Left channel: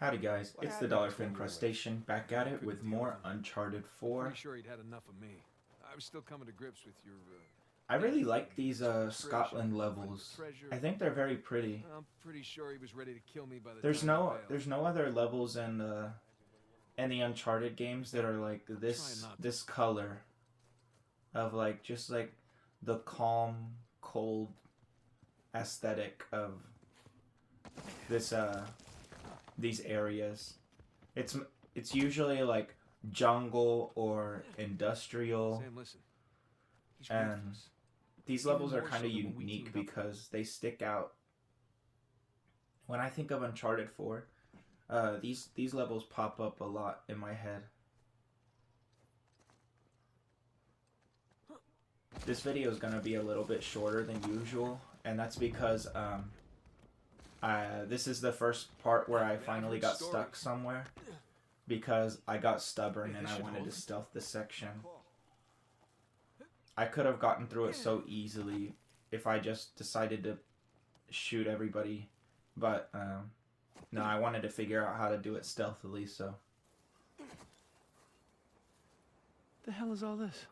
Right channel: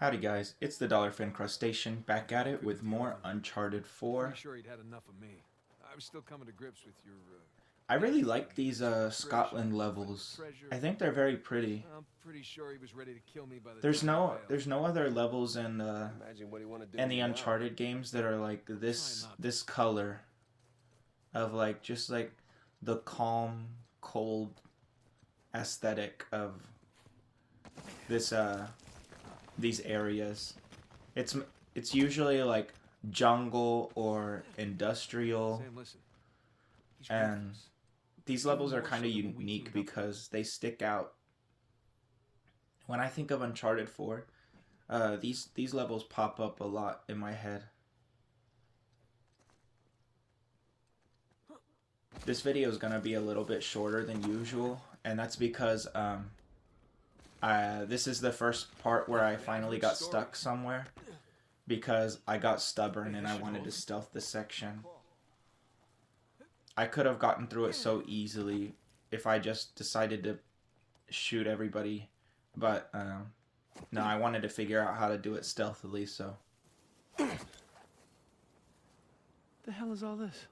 Howdy guys, it's the Dallerfin'd crustacean back at it with more Uncharted 4. Pretty sure he'd had enough of me. I was still coming to grips with your. I really like these Scotland levels. I think they're very pretty. I'm pretty sure he was ready to kill me by the There's time I bailed. there's no other levels in the Uncharted games that are like this color of like just like the calm, cold aesthetic of this these areas. It's usually like jungle or industrial. Sam, listen. He's And ruthless. these levels are more kind so of than when we unique teamed up. because they stick out. When I think of Uncharted 4, these levels pop up a lot in my head. This video is gonna be a little bit shorter than usual, and that's because this is the first part where I finally got stuck somewhere because I got stubborn and I wanted to stealth the section. I could have gotten through it so easily if I just decided to shoot everybody, but no, I wanted to figure out how to do it stealthily, so. The hell is all this?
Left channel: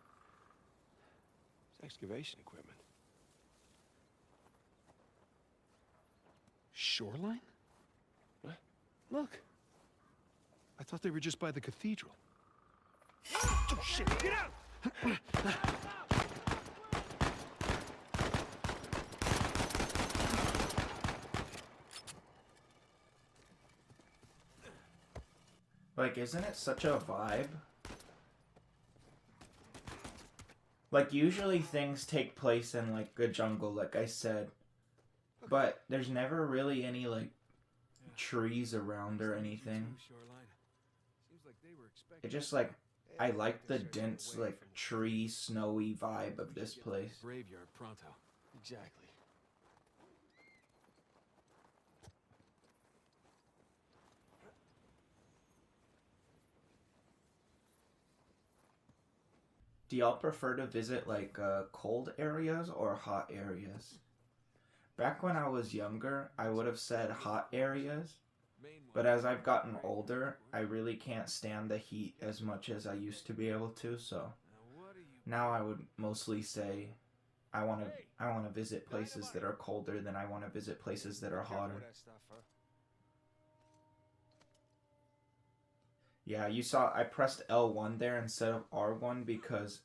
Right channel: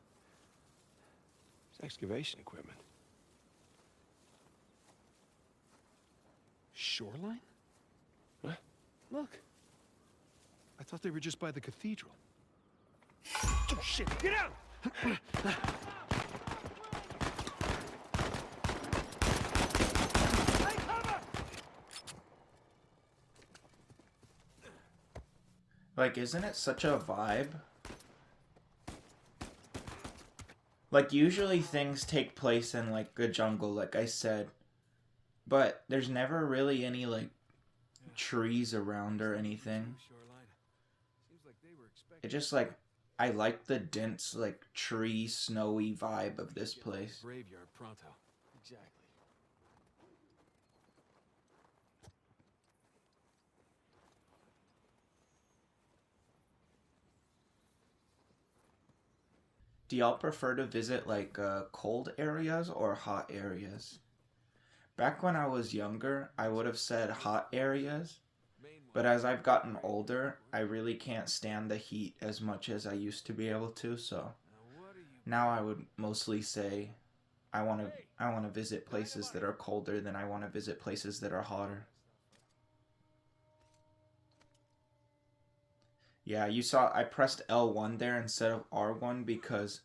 It's excavation equipment. Shoreline? What? Look. I thought they were just by the cathedral. Oh, shit! Get out! Like, isn't it such a vibe? Like, usually things take place in, like, a jungle, like I said. But there's never really any, like, trees around or anything. It just, like, I like the dense, like, tree, snowy vibe of this place. Graveyard pronto. Exactly. Do y'all prefer to visit, like, cold areas or hot areas? Back when I was younger, I would have said hot areas. But as I've gotten older, I really can't stand the heat as much as I used to be able to, so now I would mostly say I want to visit places that are colder than I want to visit places that are hotter. Yeah, you saw I pressed L1 there instead of R1 because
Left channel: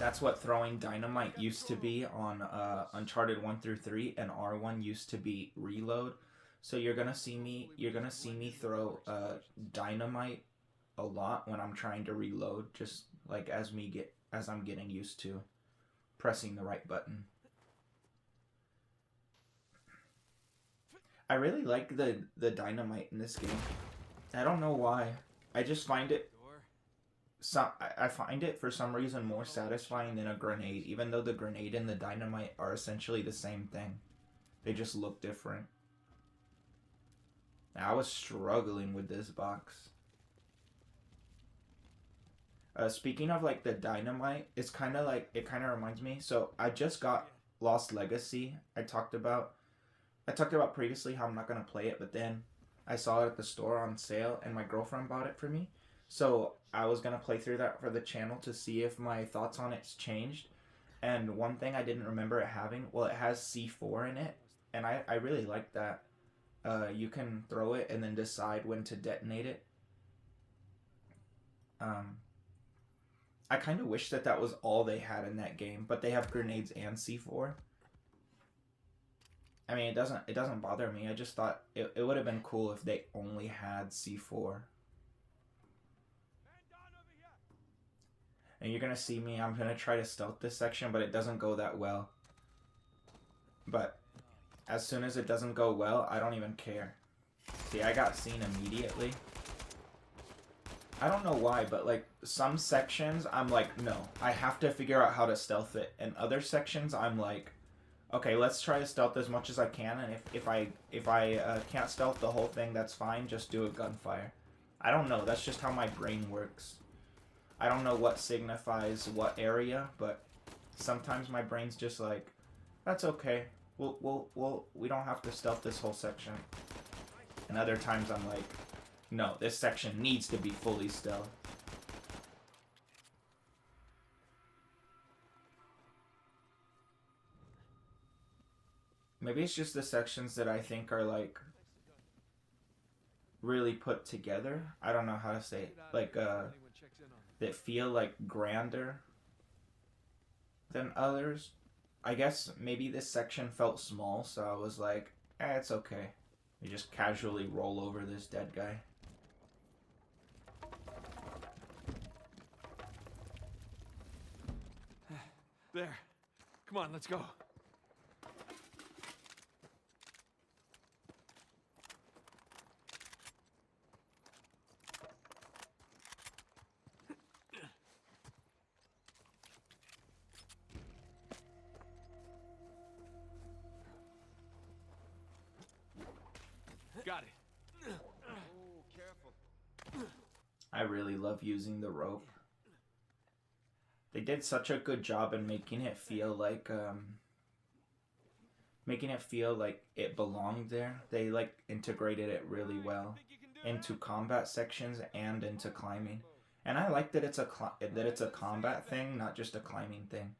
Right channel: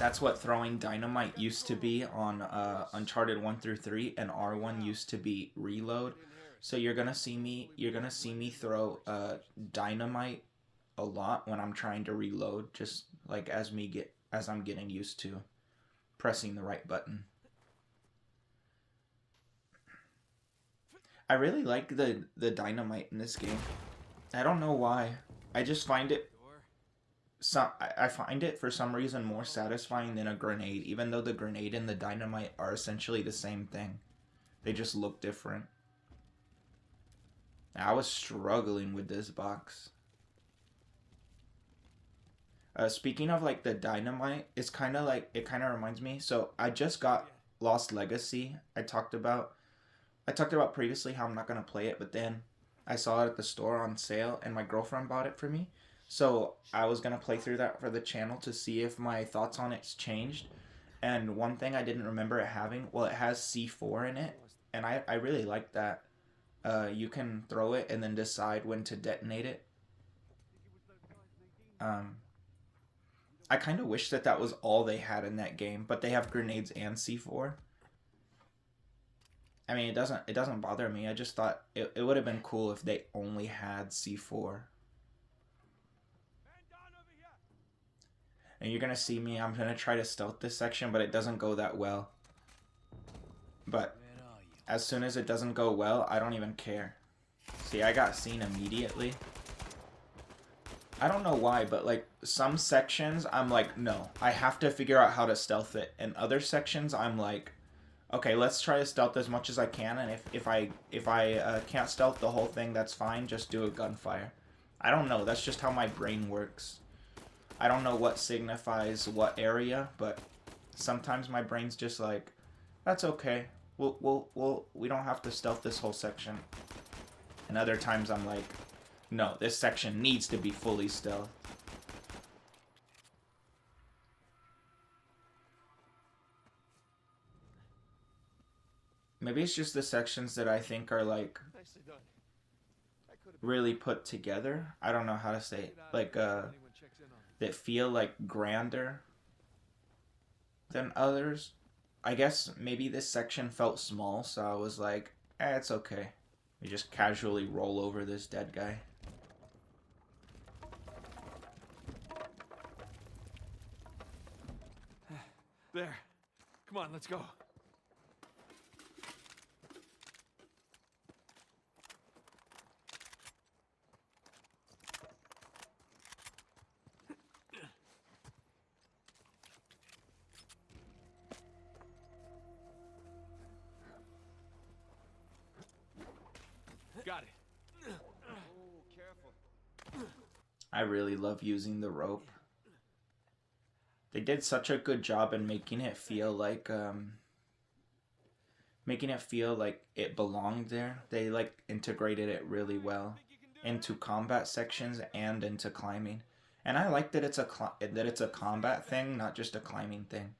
that's what throwing dynamite used to be on Uncharted 1 through 3, and R1 used to be reload. So you're gonna see me throw dynamite a lot when I'm trying to reload, just like as I'm getting used to pressing the right button. I really like the dynamite in this game. I don't know why. I just find it I find it for some reason more satisfying than a grenade, even though the grenade and the dynamite are essentially the same thing. They just look different. I was struggling with this box. Speaking of like the dynamite, it's kind of like, it kind of reminds me. So I just got Lost Legacy. I talked about previously how I'm not gonna play it, but then I saw it at the store on sale, and my girlfriend bought it for me. So I was gonna play through that for the channel to see if my thoughts on it's changed. And one thing I didn't remember it having, well, it has C4 in it, and I really like that. You can throw it and then decide when to detonate it. I kind of wish that was all they had in that game, but they have grenades and C4. I mean, it doesn't bother me. I just thought it would have been cool if they only had C4. And you're gonna see me, I'm gonna try to stealth this section, but it doesn't go that well. But as soon as it doesn't go well, I don't even care. See, I got seen immediately. I don't know why, but like some sections I'm like, no, I have to figure out how to stealth it. And other sections I'm like, okay, let's try to stealth as much as I can, and if I can't stealth the whole thing, that's fine, just do a gunfire. I don't know, that's just how my brain works. I don't know what signifies what area, but sometimes my brain's just like, that's okay. We don't have to stealth this whole section. And other times I'm like, no, this section needs to be fully stealth. Maybe it's just the sections that I think are like really put together. I don't know how to say it. Like that feel like grander than others. I guess maybe this section felt small, so I was like, it's okay. We just casually roll over this dead guy. There. Come on, let's go. Got it. Oh, careful. I really love using the rope. They did such a good job in making it feel like it belonged there. They like integrated it really well into combat sections and into climbing. And I like that it's a combat thing, not just a climbing thing.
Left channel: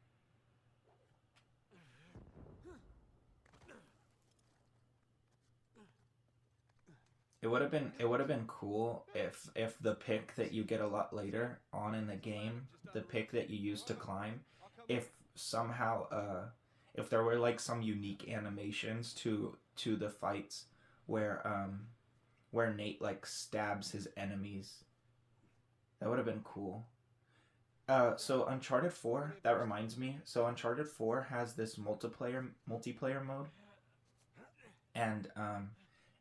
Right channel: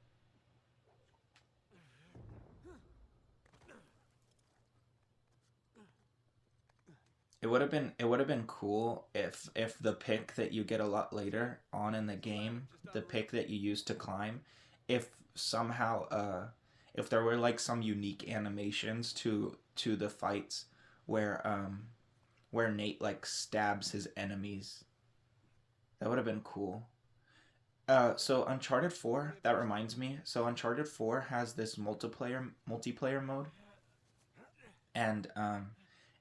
It would have been cool if the pick that you get a lot later on in the game, the pick that you use to climb, if somehow if there were like some unique animations to the fights where Nate like stabs his enemies. That would have been cool. So Uncharted 4, that reminds me. So Uncharted 4 has this multiplayer mode, and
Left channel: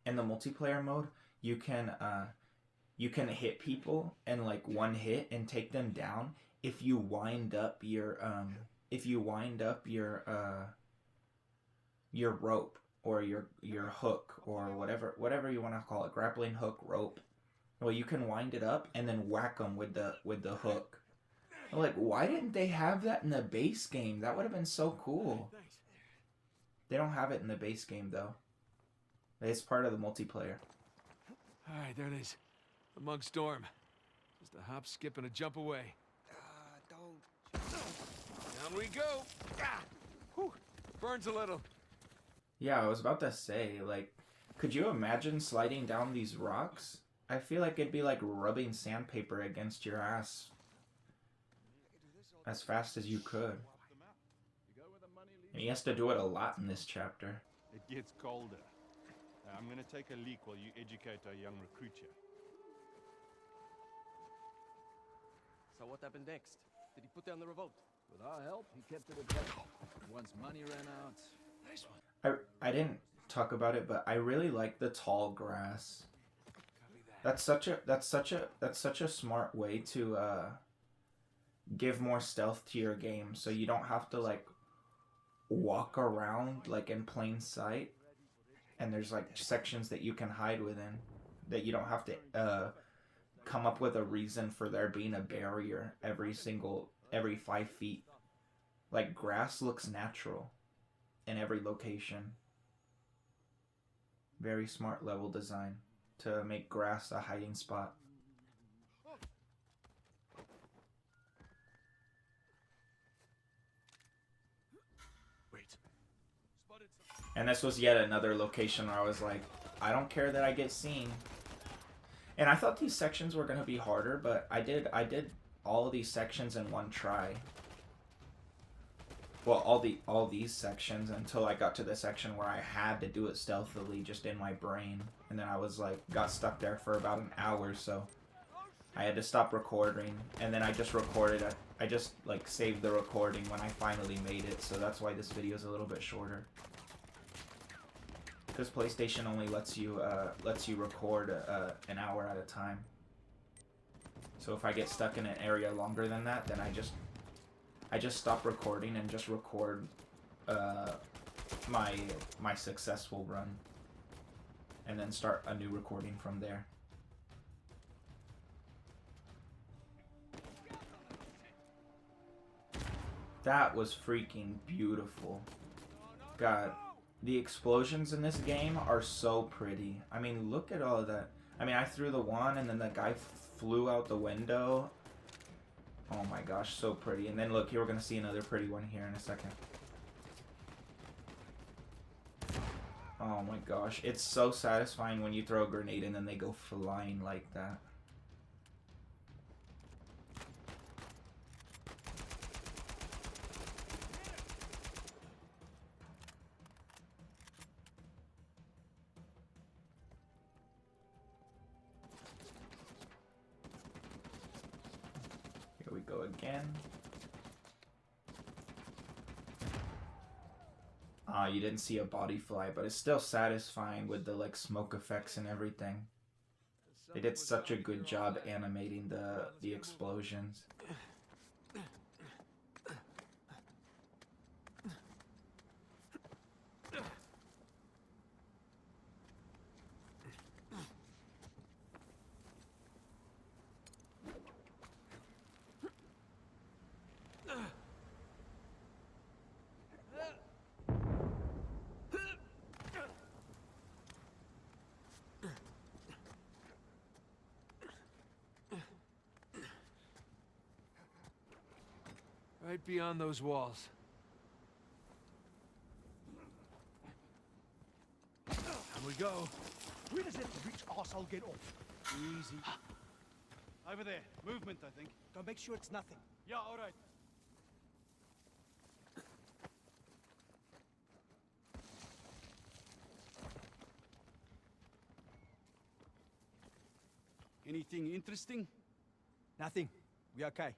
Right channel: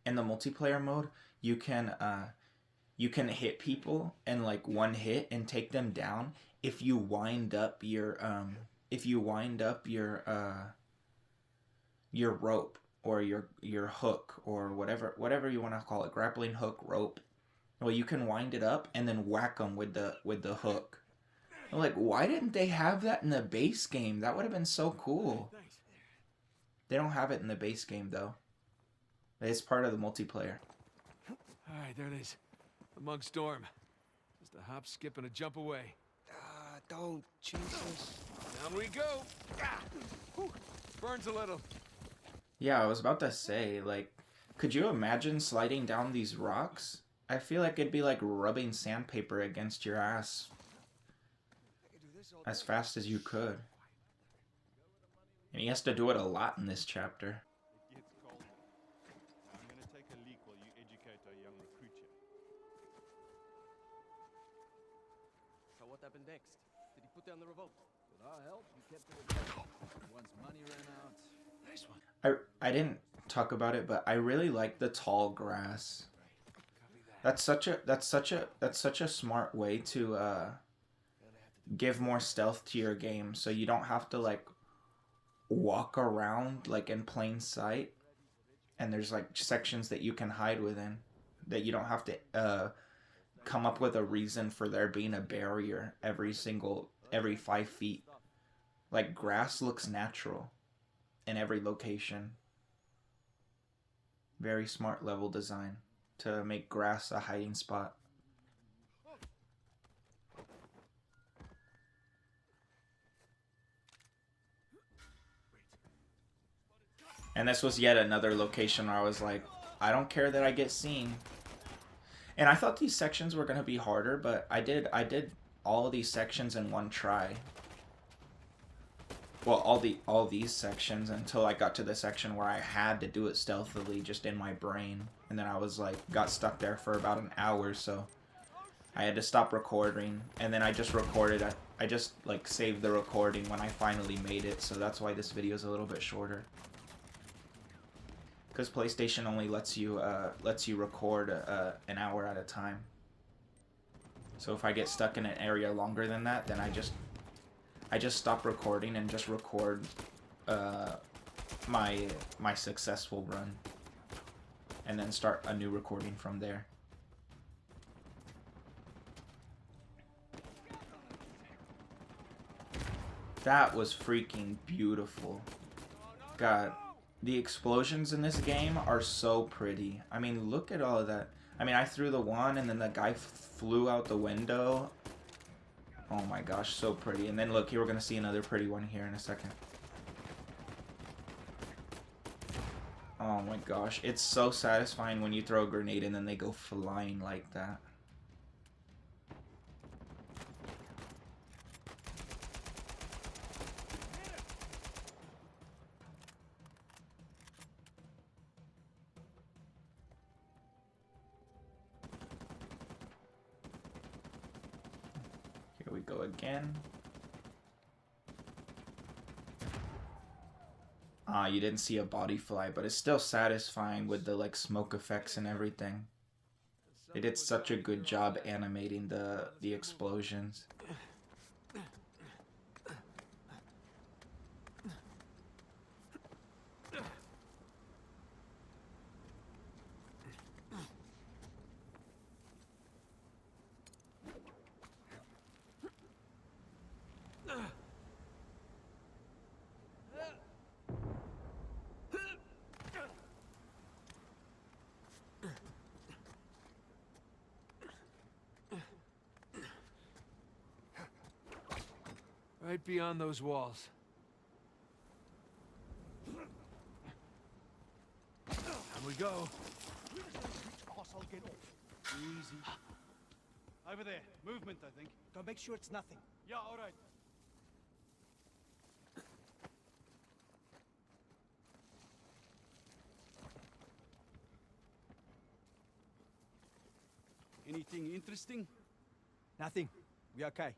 in the multiplayer mode, you can hit people in like one hit and take them down if you wind up your your rope or your hook or whatever you want to call it, grappling hook, rope. Well, you can wind it up and then whack them with the hook. I'm like, why didn't they have that in the base game? That would have been so cool. They don't have it in the base game though. It's part of the multiplayer. Alright, there it is. Among Storm. Just a hop, skip, and a jump away. Don't, Jesus. Down we go! Whew. Burns a little. Yeah, I was about to say, like, could you imagine sliding down these rocks? I feel like it'd be like rubbing sandpaper against your ass as fast as you could. And he has to do it a lot in this chapter. It gets colder. Now, I'm gonna take a leak while you educate our young recruit here. So what happened next? Did he put down the revolt? With our help, he kept it at bay. Once money ran out... Nice one. I didn't talk about it, but I really like the tall grass. That's such a smart way to give more stealth to your game, so you don't have to like walk around like in plain sight, and there's like sections that you can hide within that you don't have to come up with a reason for there being a barrier every 5 feet. Like, grass looks natural in every location. Very smart level design to make grass a hiding spot. And this was yet another location where I was like, I don't care that I get seen. And I thought these sections were going to be harder, but I did all of these sections in one try. Well, all these sections until I got to the section where I had to do it stealthily just in my brain. And then I was like, got stuck there for about an hour, so I had to stop recording. And then I just recorded, I just like saved the recording when I finally made it, so that's why this video is a little bit shorter. Because PlayStation only lets you record an hour at a time. So if I get stuck in an area longer than that, then I just stop recording and just record my successful run, and then start a new recording from there. That was freaking beautiful. God, The explosions in this game are so pretty. I mean, look at all of that. I mean, I threw the one and then the guy flew out the window. Oh my gosh, so pretty. And then look, here we're gonna see another pretty one here in a second. Oh my gosh, it's so satisfying when you throw a grenade and then they go flying like that. Here we go again. Ah, you didn't see a body fly, but it's still satisfying with the like smoke effects and everything. They did such a good job animating the explosions. Right beyond those walls. Here we go. Where does that rich arsehole get off? Easy. Over there. Movement, I think. Go make sure it's nothing. Yeah, all right. Anything interesting? Nothing. We okay.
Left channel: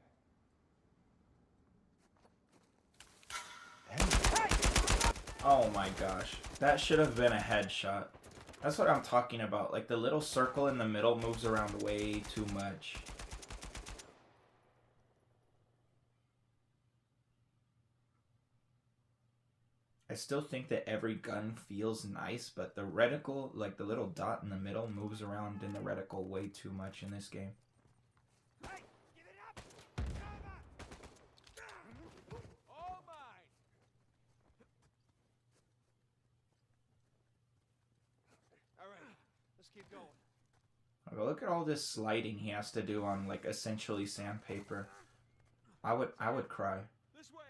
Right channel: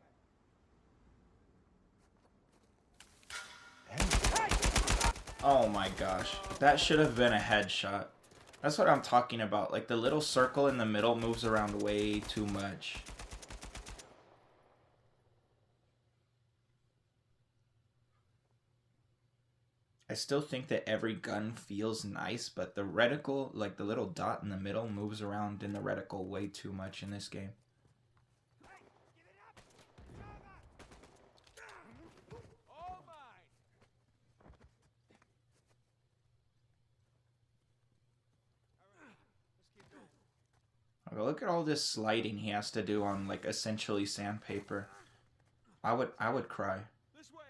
Oh my gosh, that should have been a headshot. That's what I'm talking about. Like the little circle in the middle moves around way too much. I still think that every gun feels nice, but the reticle, like the little dot in the middle, moves around in the reticle way too much in this game. Okay, look at all this sliding he has to do on like essentially sandpaper. I would cry. This way.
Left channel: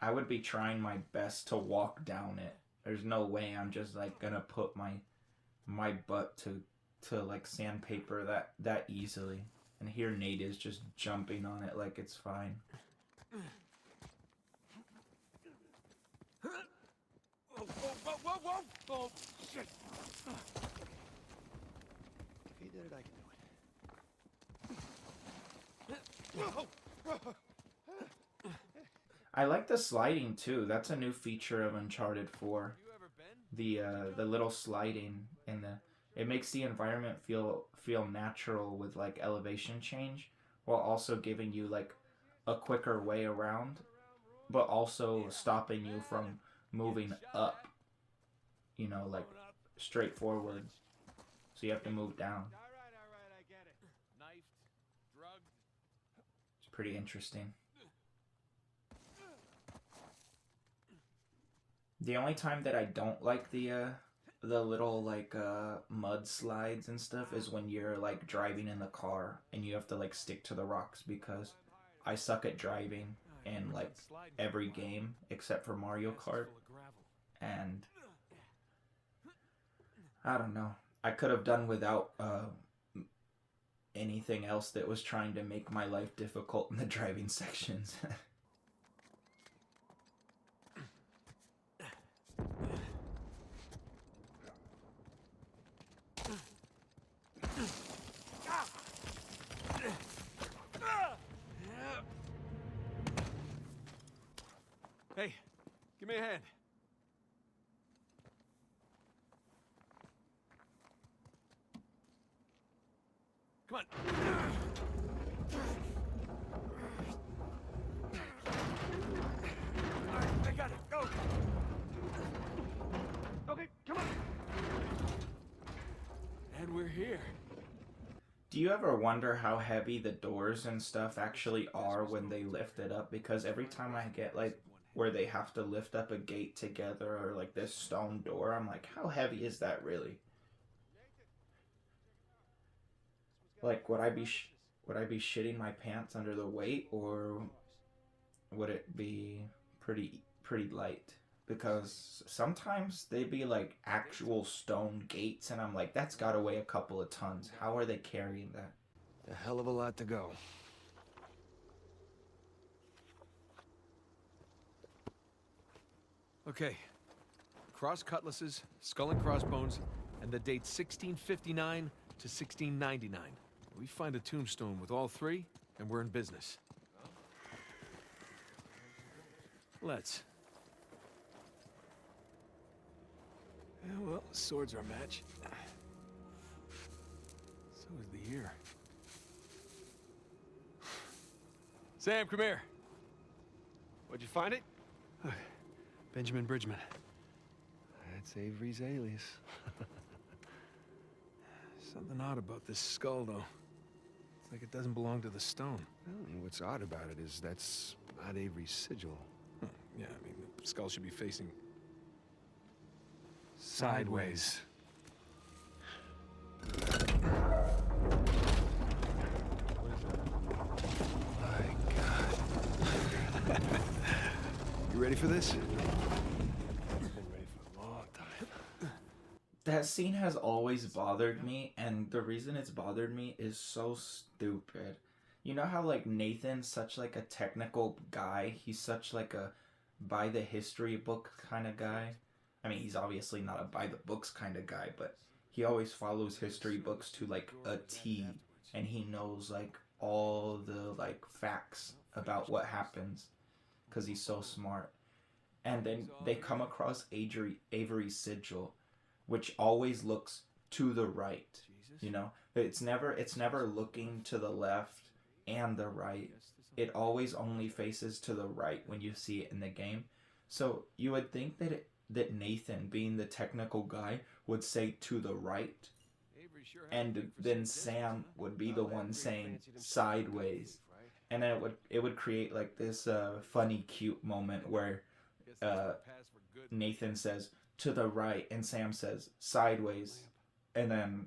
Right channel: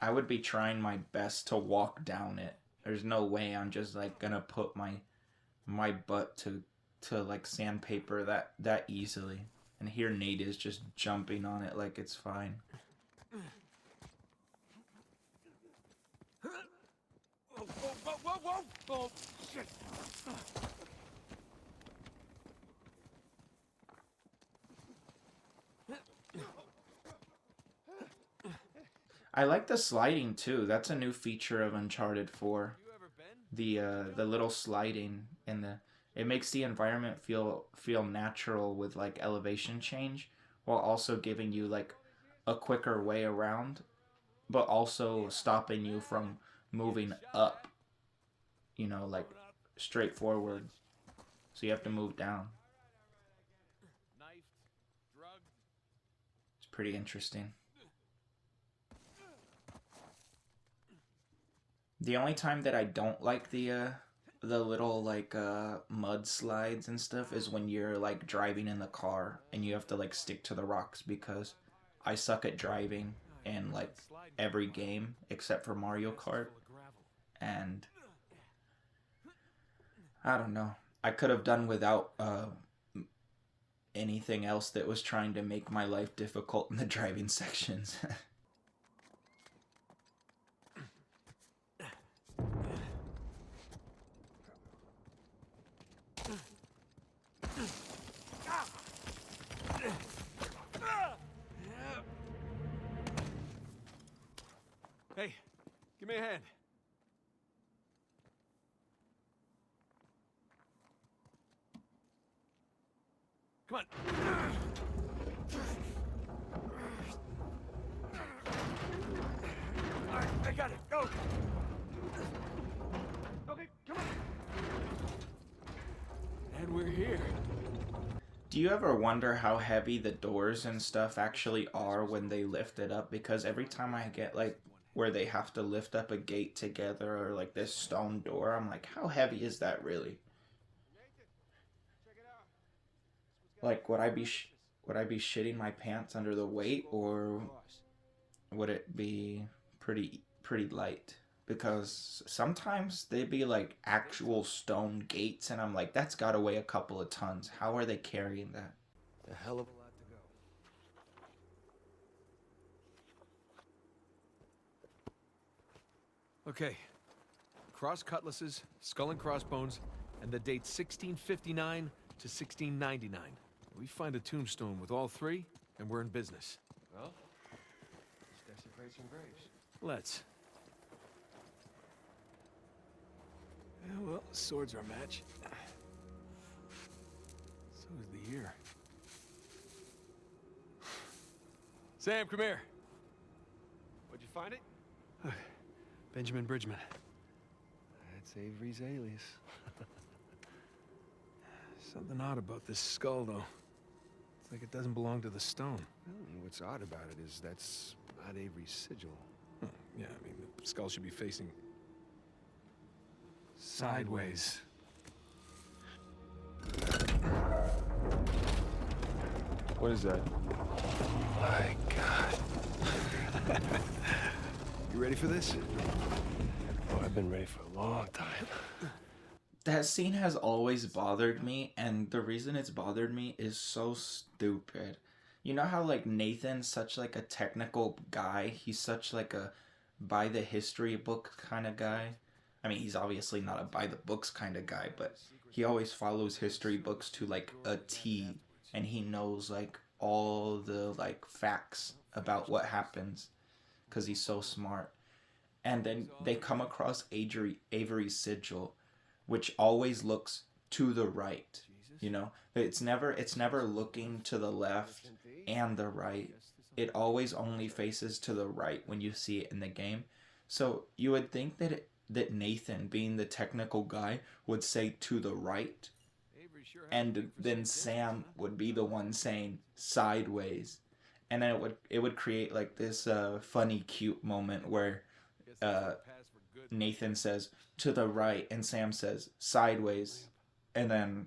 I would be trying my best to walk down it. There's no way I'm just like gonna put my butt to like sandpaper that easily. And here Nate is just jumping on it like it's fine. Whoa, whoa, whoa, whoa! Oh, shit! I like the sliding too. That's a new feature of Uncharted 4. The little sliding in the it makes the environment feel natural with like elevation change while also giving you like a quicker way around, but also stopping you from moving up, you know, like straight forward. So you have to move down. Alright, I get it. Knifed, drugged. It's pretty interesting. The only time that I don't like the little like mud slides and stuff is when you're like driving in the car and you have to like stick to the rocks, because I suck at driving in like every game except for Mario Kart. And I don't know. I could have done without anything else that was trying to make my life difficult in the driving sections. Hey, give me a hand. Come on. All right, I got it. Go. Okay, come on. And we're here. Do Do you ever wonder how heavy the doors and stuff actually are when they lift it up? Because every time I get like where they have to lift up a gate together or like this stone door, I'm like, how heavy is that really? Like, would I be shitting my pants under the weight, or would it be pretty light? Because sometimes they be like actual stone gates, and I'm like, that's gotta weigh a couple of tons. How are they carrying that? A hell of a lot to go. Okay. Cross cutlasses, skull and crossbones, and the date 1659 to 1699. We find a tombstone with all three, and we're in business. Well, let's. Yeah, well, the swords are a match. So is the year. Sam, come here. Where'd you find it? Benjamin Bridgman. That's Avery's alias. Something odd about this skull, though. It's like it doesn't belong to the stone. Well, what's odd about it is that's not Avery's sigil. Huh, yeah, I mean, the skull should be facing sideways. What is that? My God. You ready for this? Oh, I've been ready for a long time. That scene has always bothered me, and the reason it's bothered me is so stupid. You know how like Nathan's such like a technical guy? He's such like a by the history book kind of guy. I mean, he's obviously not a by the books kind of guy, but he always follows history books to like a T, and he knows like all the like facts about what happens because he's so smart. And then they come across Avery's sigil, which always looks to the right. You know, it's never looking to the left and the right. It always only faces to the right when you see it in the game. So you would think that Nathan, being the technical guy, would say to the right, and then Sam would be the one saying sideways, and then it would create like this funny cute moment where Nathan says to the right and Sam says sideways, and then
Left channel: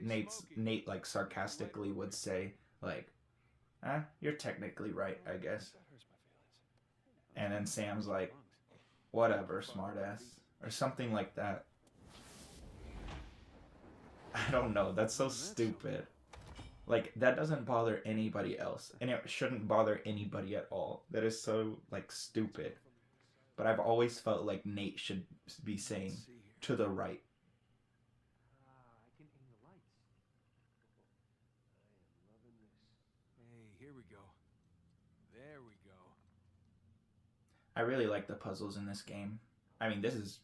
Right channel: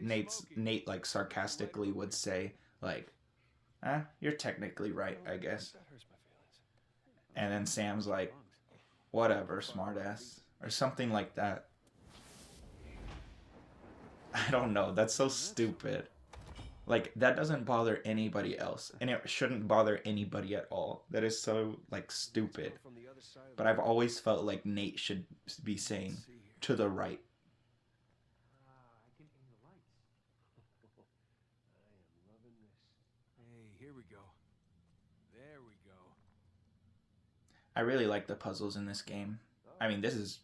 Nate like sarcastically would say like, you're technically right, I guess. And then Sam's like, whatever, smartass, or something like that. I don't know, that's so stupid. Like, that doesn't bother anybody else, and it shouldn't bother anybody at all. That is so, like, stupid. But I've always felt like Nate should be saying, to the right. I can aim the lights. I am loving this. Hey, here we go. There we go. I really like the puzzles in this game. I mean, this is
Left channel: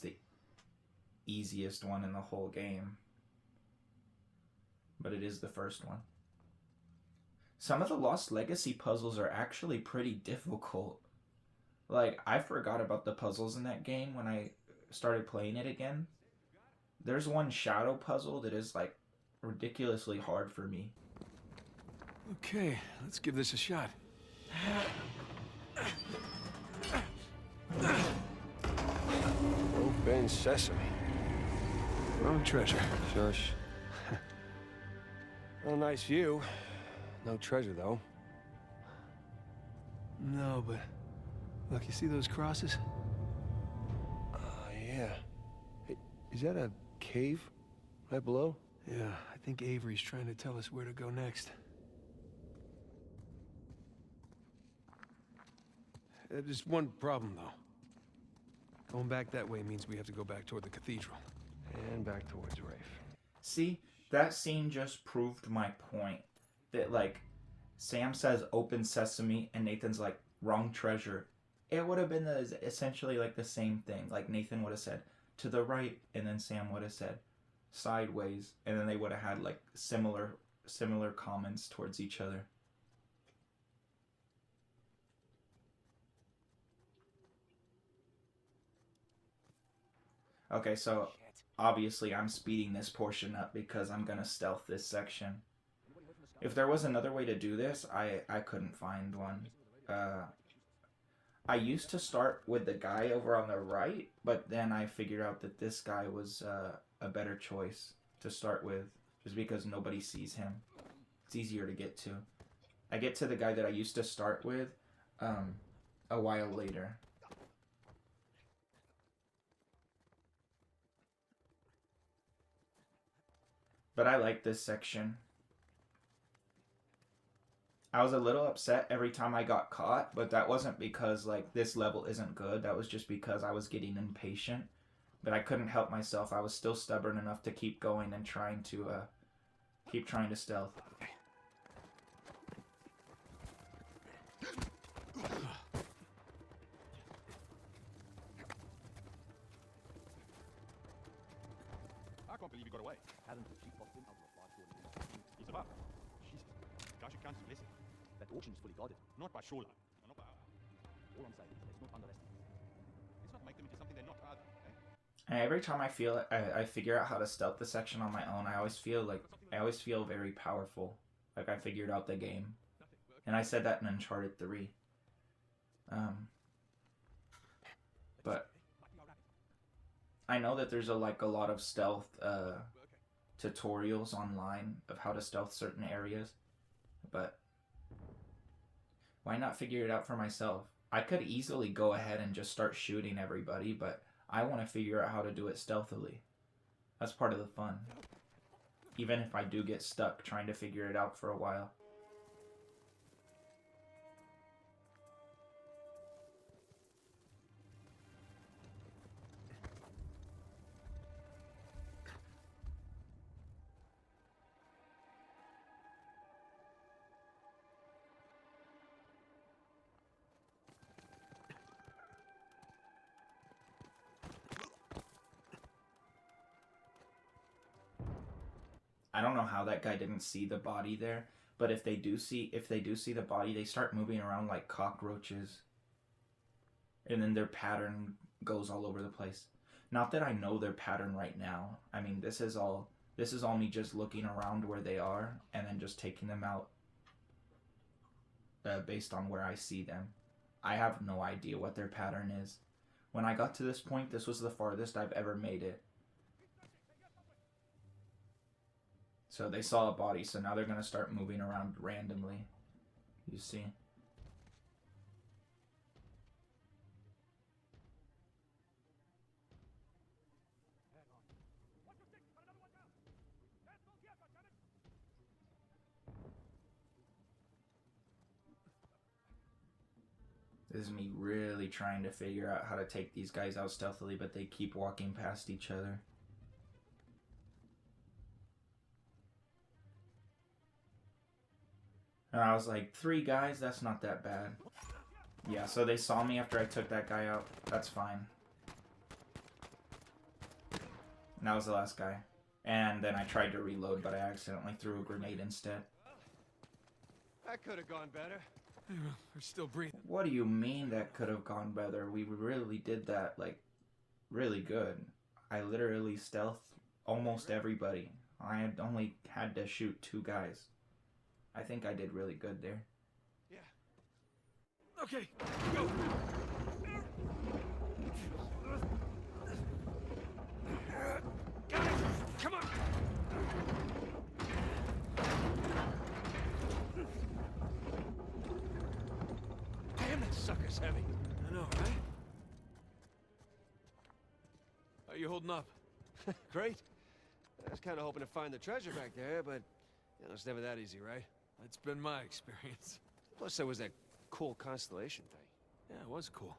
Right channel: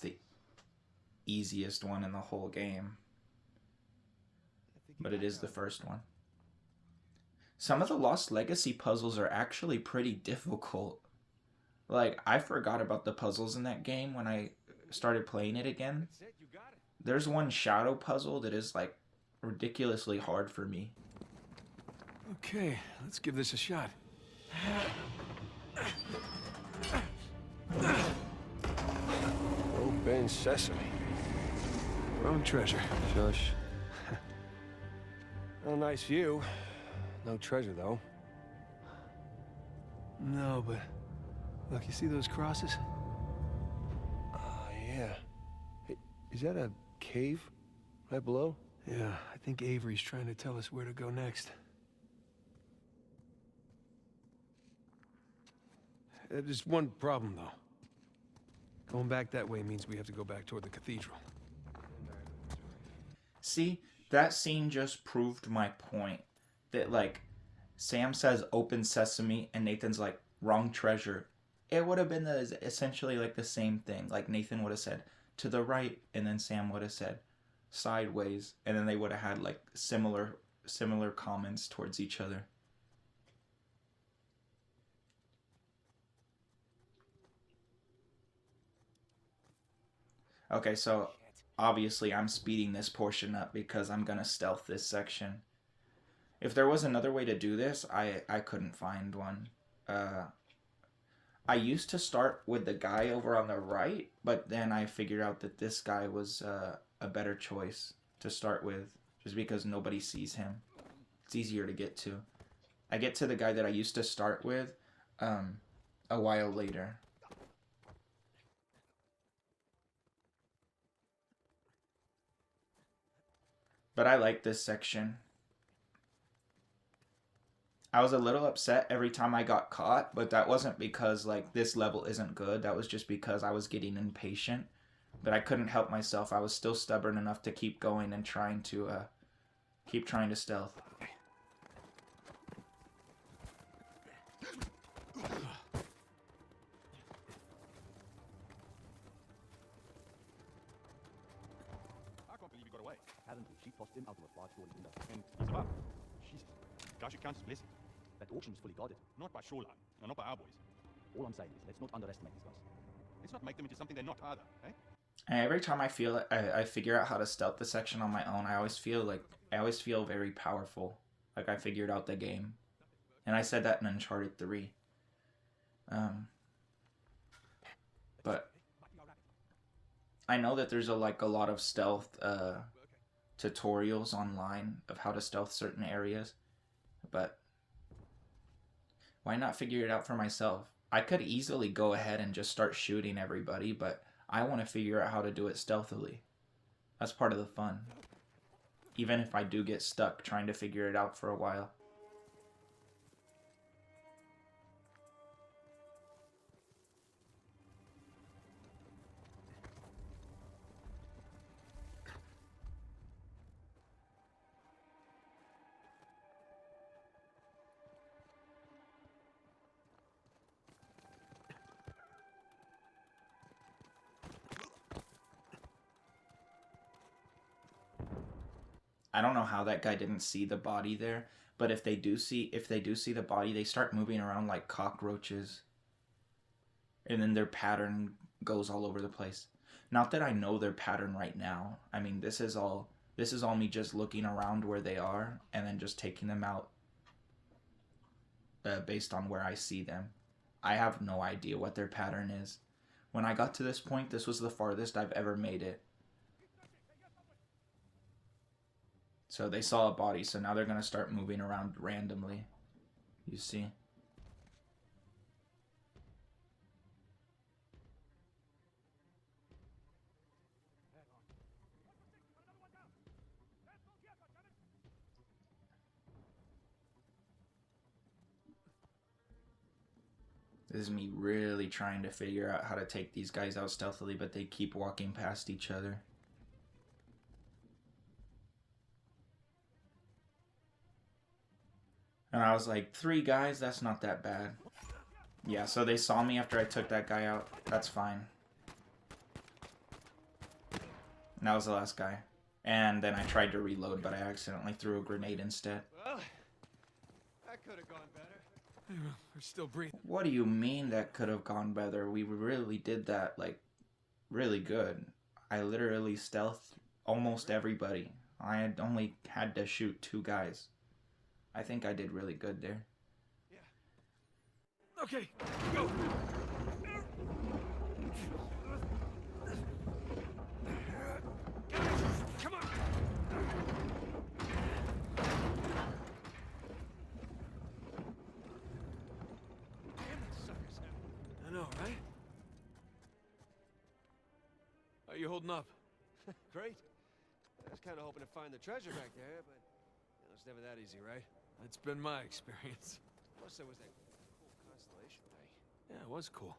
the easiest one in the whole game. But it is the first one. Some of the Lost Legacy puzzles are actually pretty difficult. Like, I forgot about the puzzles in that game when I started playing it again. There's one shadow puzzle that is, like, ridiculously hard for me. Okay, let's give this a shot. Open sesame. Wrong treasure. Shush. Well, nice view. No treasure, though. No, but look, you see those crosses? Yeah. Hey, is that a cave right below? Yeah, I think Avery's trying to tell us where to go next. There's one problem, though. Going back that way means we have to go back toward the cathedral. And back towards Rafe. See, that scene just proved my point. That, like, Sam says open sesame and Nathan's like, wrong treasure. It would have been essentially like the same thing. Like, Nathan would have said to the right, and then Sam would have said sideways, and then they would have had like similar comments towards each other. Okay, so obviously I'm speeding this portion up because I'm gonna stealth this section. If there was another way to do this, I couldn't find one. I used to start with the guy over on the right, but then I figured out that this guy was a better choice to start with, just because nobody sees him. It's easier to get to. I get to the guy that I used to start with a while later. But I like this section. I was a little upset every time I got caught, but that wasn't because like this level isn't good. That was just because I was getting impatient. But I couldn't help myself. I was still stubborn enough to keep going and trying to stealth. I can't believe he got away. Haven't we? She tossed him out of a large hole in the And he's above. Jesus. God should count his blessing. That auction is fully guarded. Not by shoreline, and not by our boys. All I'm saying is, let's not underestimate these guys. Let's not make them into something they're not either, eh? And every time I figure out how to stealth the section on my own, I always feel very powerful. Like I figured out the game. And I said that in Uncharted 3. But I know that there's a lot of stealth tutorials online of how to stealth certain areas, but why not figure it out for myself? I could easily go ahead and just start shooting everybody, but I want to figure out how to do it stealthily. That's part of the fun. Even if I do get stuck trying to figure it out for a while. I don't know how that guy didn't see the body there, but if they do see the body, they start moving around like cockroaches. And then their pattern goes all over the place. Not that I know their pattern right now. I mean, this is all me just looking around where they are and then just taking them out based on where I see them. I have no idea what their pattern is. When I got to this point, this was the farthest I've ever made it. So they saw a body, so now they're going to start moving around randomly. You see? This is me really trying to figure out how to take these guys out stealthily, but they keep walking past each other. And I was like, 3 guys? That's not that bad. Yeah, so they saw me after I took that guy out. That's fine. And that was the last guy. And then I tried to reload, but I accidentally threw a grenade instead. Well, that could have gone better. We're still breathing. What do you mean that could have gone better? We really did that, like, really good. I literally stealthed almost everybody. I had only had to shoot 2 guys. I think I did really good there. Yeah. Okay, go. Guys, come on. Damn, that sucker's heavy. I know, right? How you holding up? Great. I was kind of hoping to find the treasure back there, but you know, it's never that easy, right? That's been my experience. Plus, there was that cool constellation thing. Yeah, it was cool.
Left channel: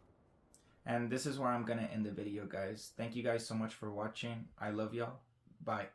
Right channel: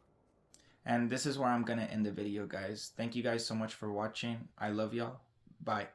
And this is where I'm going to end the video, guys. Thank you guys so much for watching. I love y'all. Bye.